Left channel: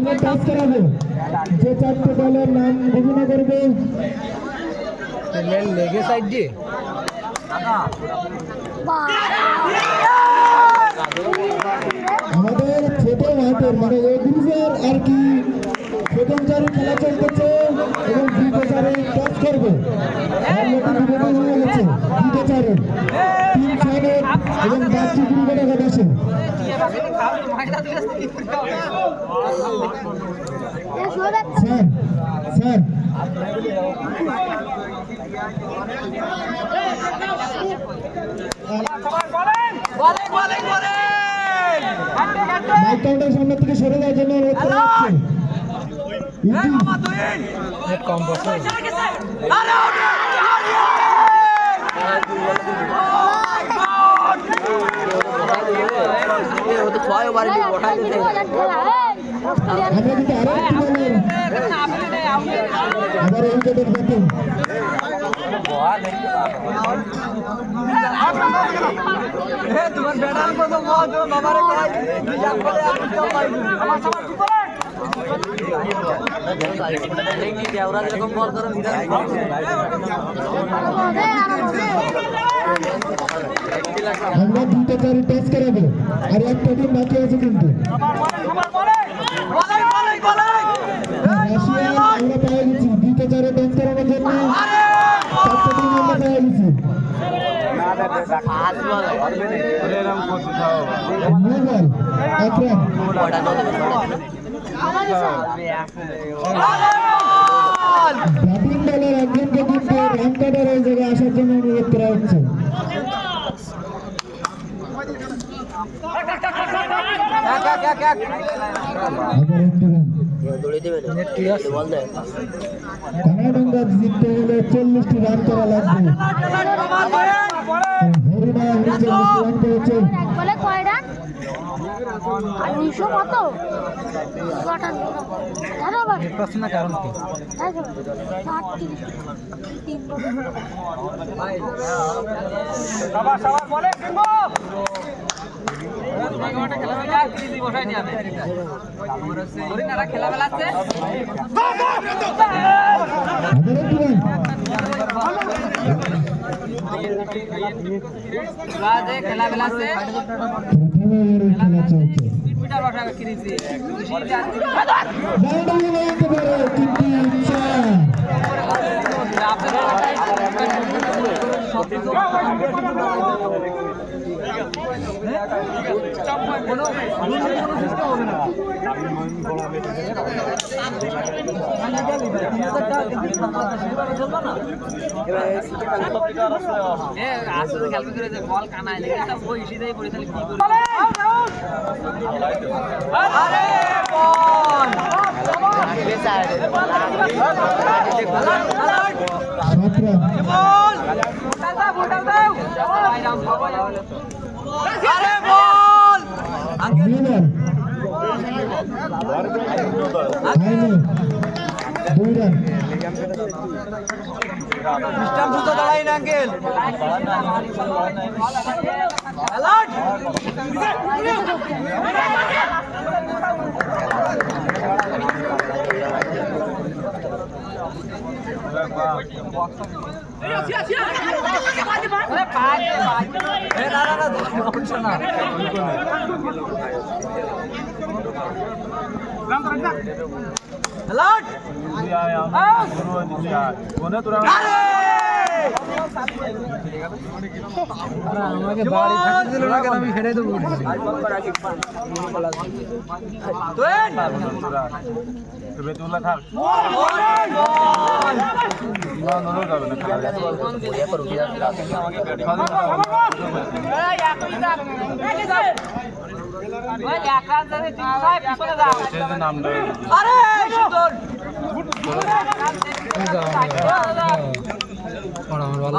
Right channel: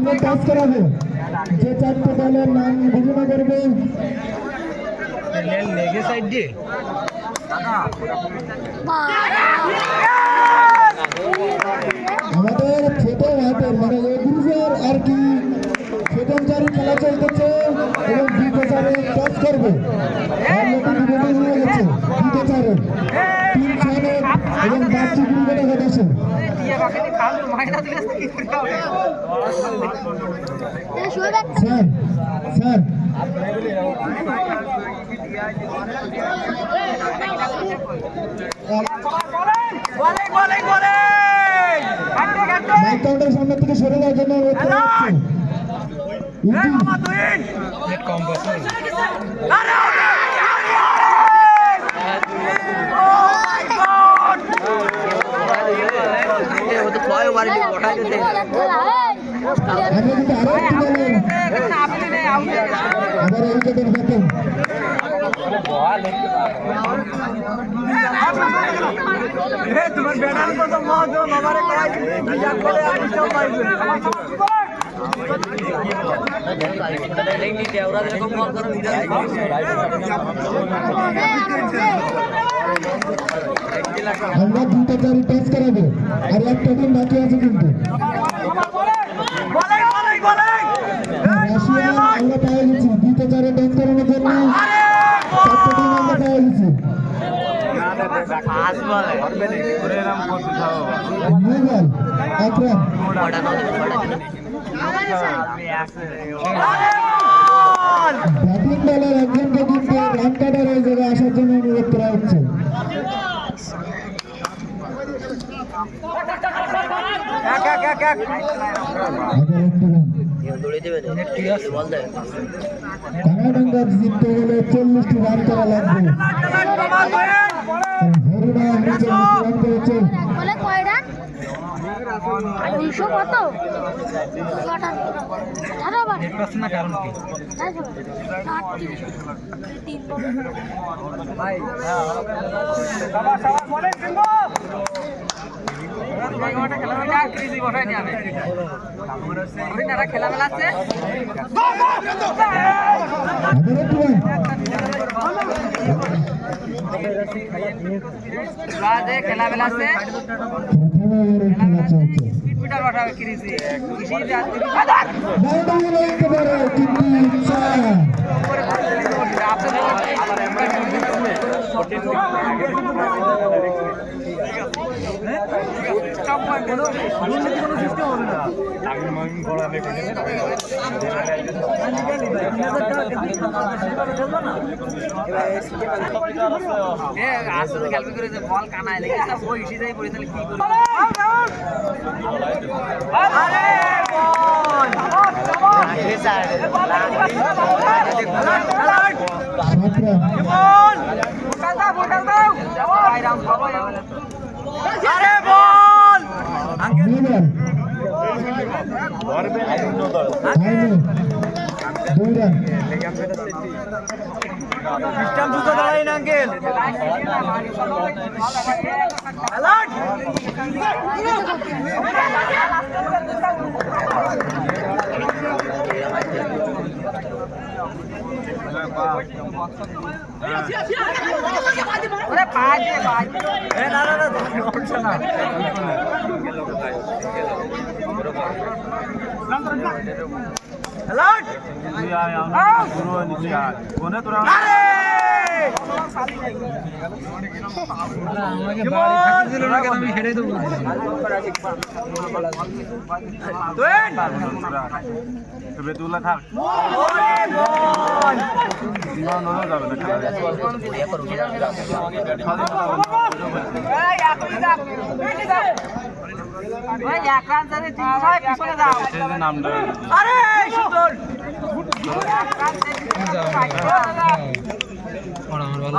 সঙ্গে কাজ করাবে যে চারটে দলের নাম ঘোষণা করবে লেগে সাইড দিয়ে আমাদের ছোট হাতের মানে এ গ্রুপের আর কি প্রথমচারী খেলা চলতেছে এবং দ্বিতীয়চারে কাজ করবে আর নতুন নিবেদন হয়ে গেছে দ্বিতীয়চারে 3-6 এবং বাচ্চি গ্রুপে দেখা গেছে স্যার স্যার মাইক কাউন্টার সামনে থেকে সরে যাওয়ার জন্য অনুরোধ করা হচ্ছে কম বছর আবার উইকেটের ব্যাটিং আমরা দুটো চারি টাচ করাবো আর একটা টিম বাকি আছে কিন্তু রাশিয়ান আমরা পাওয়া গেছি দুটো চারে টাচ করানোর জন্য চারটে টিম আমরা পাওয়া গেছি মোবাইল আকরাম ব্যাটিং দলের একজনকে কিন্তু রান কাটার ওই জায়গায় আসার জন্য অনুরোধ করা হচ্ছে কানাডাঙ্গা জিততে হলে 40টি রান করা লাগবে হরিণা 40টি রান করেছে কত কারণ কি খেলা চলছে বল কানায় লেগে বইসি যাই পড়ে তাহলে কি করবো আমাকে বাড়ি থাকতে দিল না কেন আমি হেরে দেবো আমার ভালো